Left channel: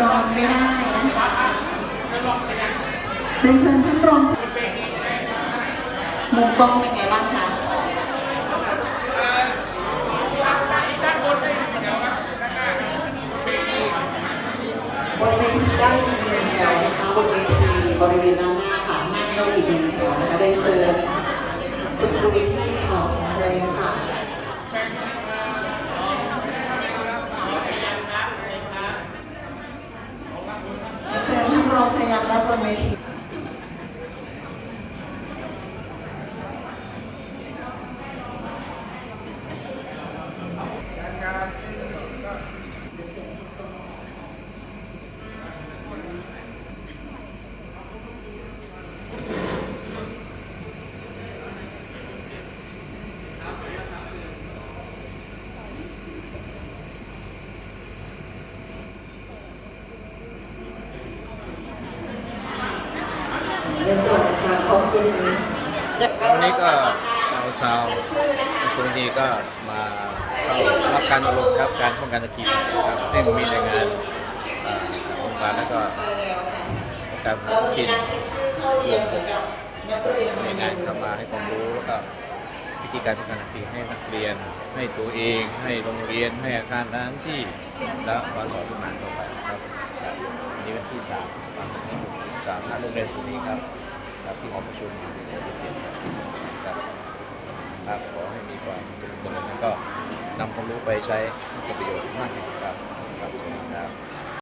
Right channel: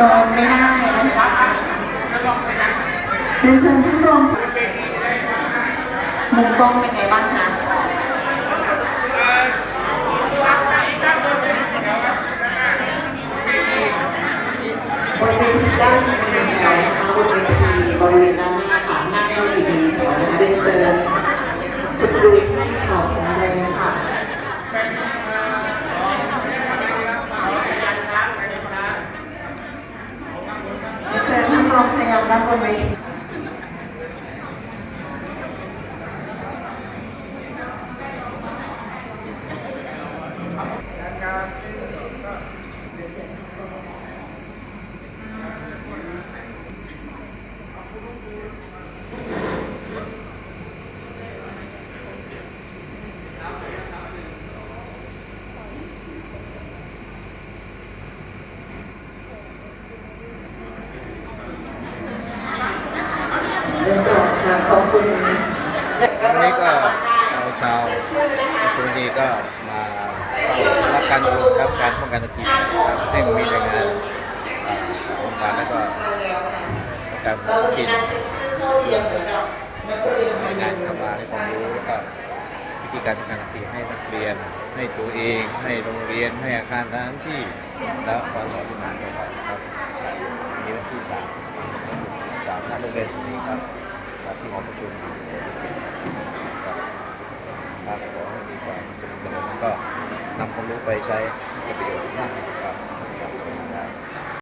รองไม่ได้นะเดินเชิญท่านรองมุมกล้องเป็นไงบ้างคะบริเวณที่ได้ยินเดียวนะคะบริเวณที่บริเวณด้านหน้าค่ะนั่งได้อีกหนึ่งแถวนะคะเรียนเชิญคุณครูที่ข่าวแข็งแรงค่ะ เชารองชัยยันด้านบนเวทีเรื่องต่อค่ะ ขอบคุณวันนี้ก็เราชาวสุนีก็มาเข้ารับการอบรมครับการป้องกันตะกี้ครับให้มีรายงานองค์การแล้วก็การป้องกันกินรายงานเข้ามาให้ความรู้แล้วก็วิธีการป้องกันตะกี้ให้นักเรียน ให้ตัวเอง ให้โรงเรียนให้อาคารสถานที่และวันสอนที่มาต่อไปครับวันนี้วันที่สามสามณโรงเรียนสุนีครับ ครับที่หอประชุมเฉลิมเกียรติครับครับขอให้มีความเจริญเจริญแล้วก็นำความรู้ไปใช้ให้เกิดประโยชน์มากที่สุดครับครับสวัสดีครับ